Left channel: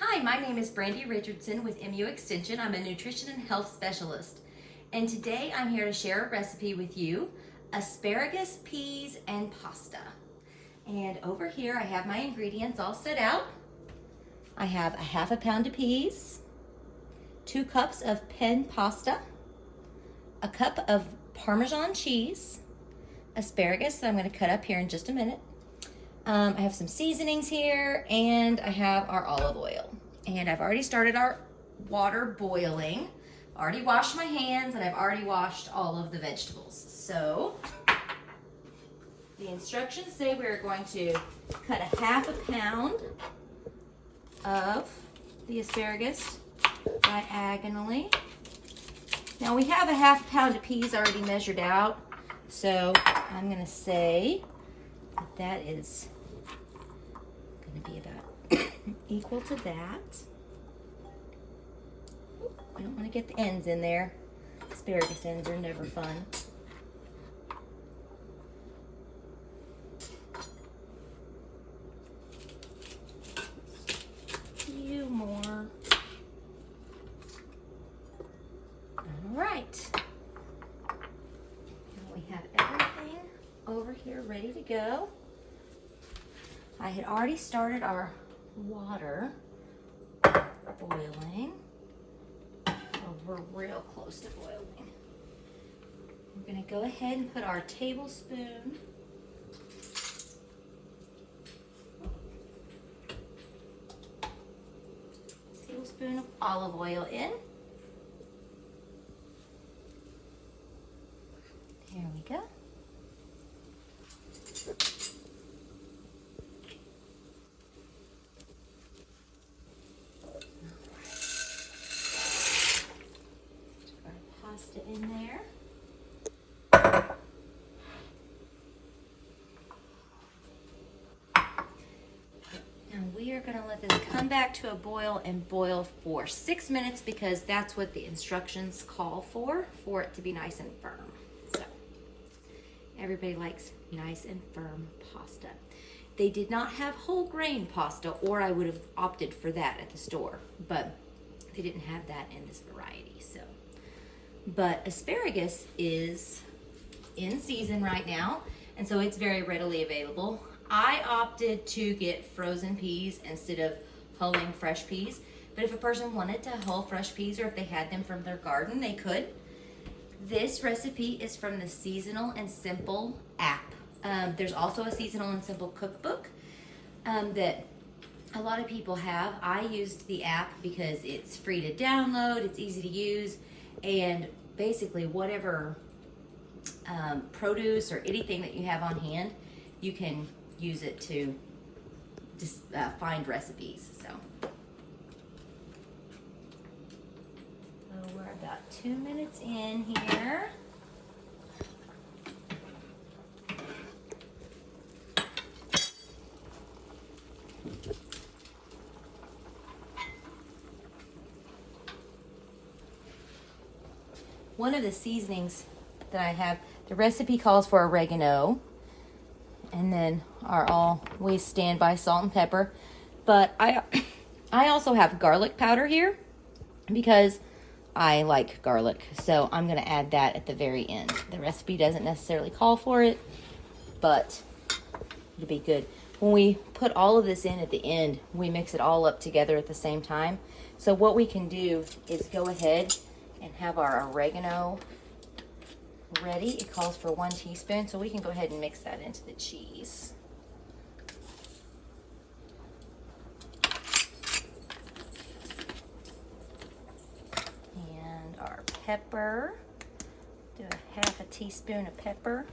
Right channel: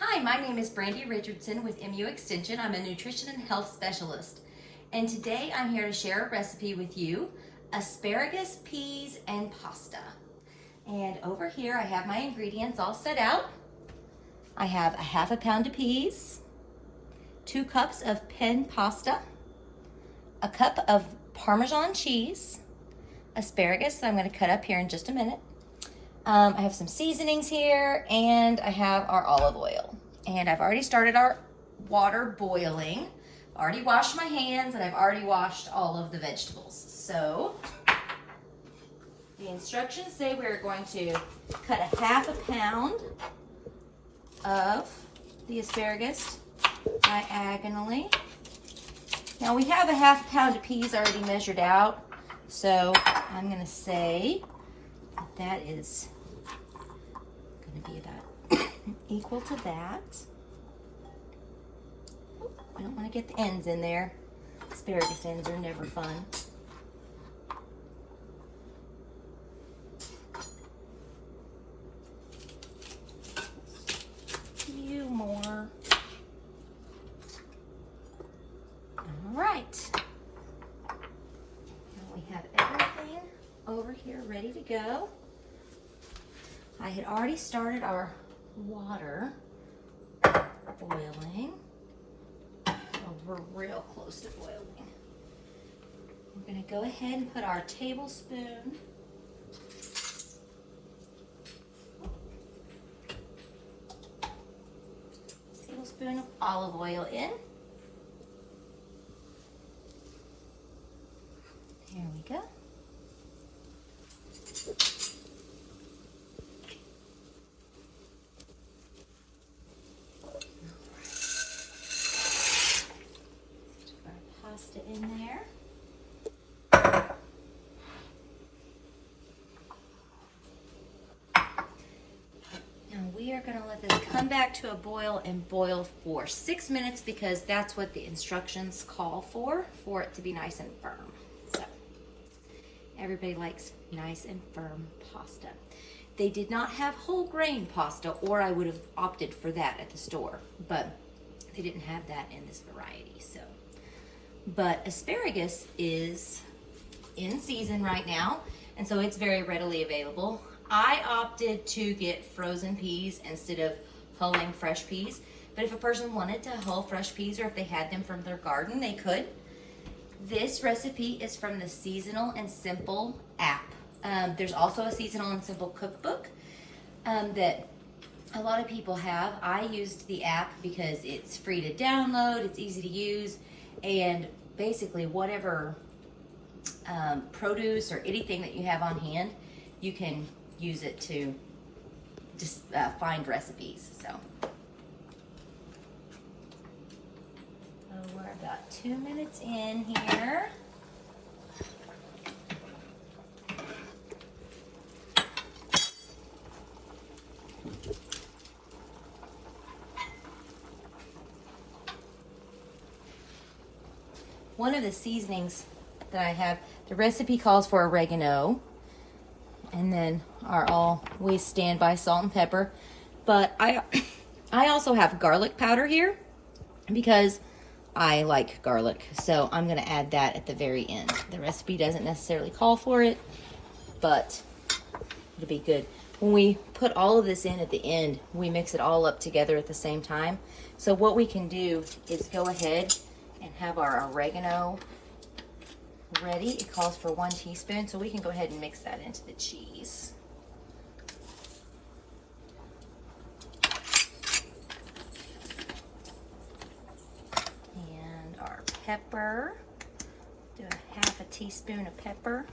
Hi, my name is Brandi Richardson with MU Extension. I'm a nutrition and health specialist. And today I'm here to share a recipe with you, asparagus, peas, and pasta. And over here I have my ingredients all set out. I have a half a pound of peas, 2 cups of pen pasta, a cup of Parmesan cheese, asparagus that I'm going to cut up here in just a minute. I have some seasonings here, and I have our olive oil. And I've already started our water boiling. I've already washed my hands, and I've already washed all of the vegetables. So the instructions say we're going to cut a half a pound of the asparagus diagonally. Now we have a half pound of peas already measured out, so I'm going to say that is going to be about equal to that. I don't want to get the ends in there. Asparagus ends are never fun. A few more. All right. Now we have everything over here ready to go. I had already started our water boiling. Well, we're real close to boiling. We're going to go ahead and put our tablespoon of olive oil in. There we go. In there. Now we are going to let this come back to a boil and boil for 6 minutes because that's what the instructions call for it to be nice and firm. So everybody likes nice and firm pasta. They did not have whole grain pasta, or I would have opted for that at the store, but they didn't have that in this variety. So. But asparagus is in season right now, and so it's very readily available. I opted to get frozen peas instead of hulling fresh peas, but if a person wanted to hull fresh peas or if they had them from their garden, they could. This recipe is from the Seasonal and Simple app. There's also a Seasonal and Simple cookbook that a lot of people have. I used the app because it's free to download, it's easy to use, and basically whatever produce or anything that you have on hand, you can use it to just find recipes. So we're about 2 minutes in here. One of the seasonings that I have, the recipe calls for oregano, and then our always standby salt and pepper. But I also have garlic powder here because I like garlic, so I'm going to add that at the very end. The recipe doesn't necessarily call for it, but it'll be good. When we put all of this in at the end, we mix it all up together at the same time. So what we can do is go ahead and have our oregano ready. It calls for 1 teaspoon, so we can go ahead and mix that into the cheese. And our pepper, do a half a teaspoon of pepper.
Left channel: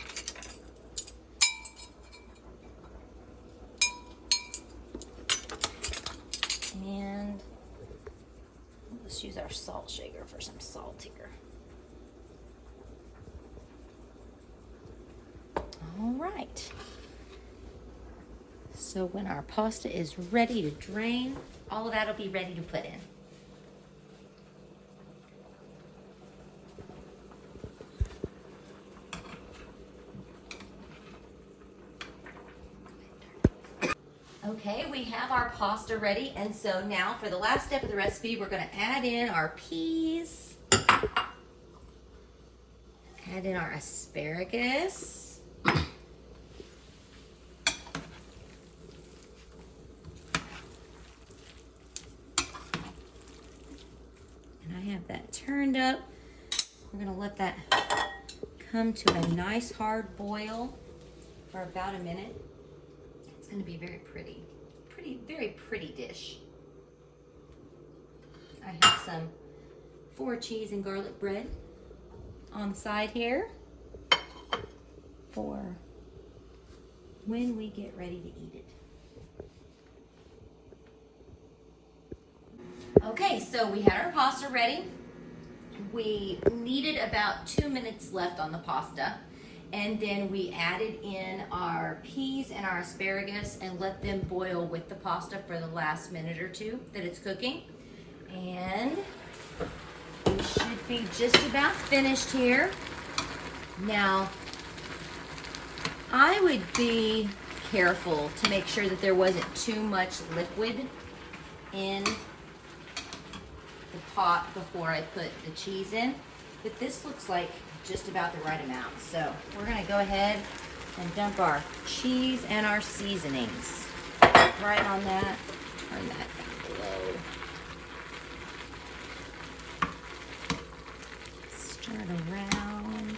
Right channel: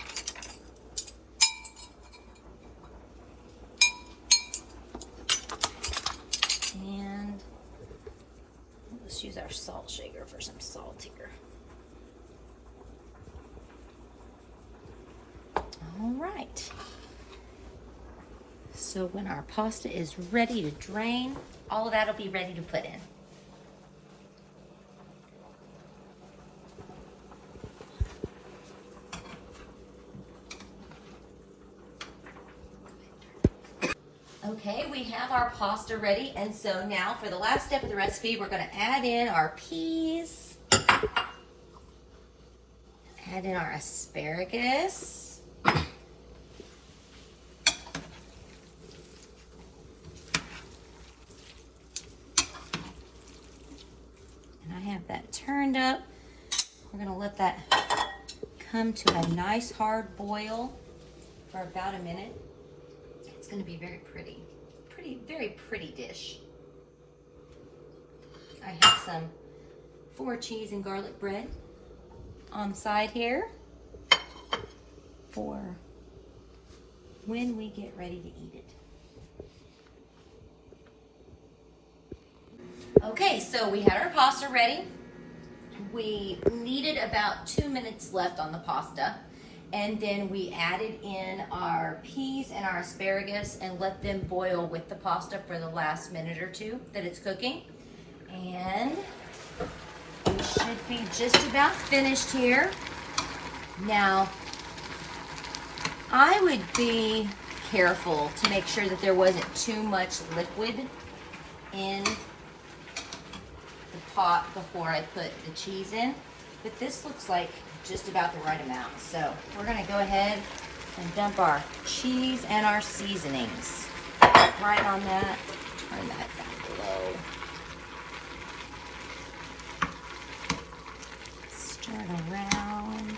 And let's use our salt shaker for some salt here. All right. So when our pasta is ready to drain, all of that will be ready to put in. Okay, we have our pasta ready, and so now for the last step of the recipe, we're going to add in our peas, add in our asparagus, I have that turned up. We're going to let that come to a nice hard boil for about a minute. It's going to be very pretty, very pretty dish. I have some 4 cheese and garlic bread on the side here for when we get ready to eat it. Okay, so we had our pasta ready. We needed about 2 minutes left on the pasta, and then we added in our peas and our asparagus and let them boil with the pasta for the last minute or two that it's cooking. And we should be just about finished here. Now, I would be careful to make sure that there wasn't too much liquid in the pot before I put the cheese in, but this looks like just about the right amount. So we're gonna go ahead and dump our cheese and our seasonings right on that. Turn that down low. Stir it around.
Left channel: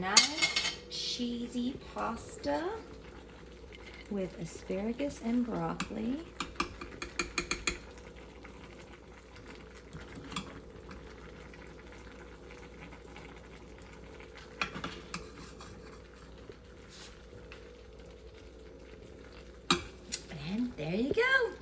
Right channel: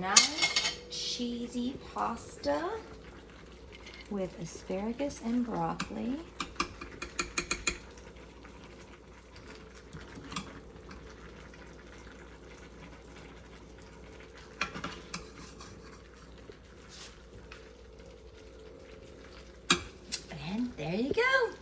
Nice cheesy pasta with asparagus and broccoli. And there you go.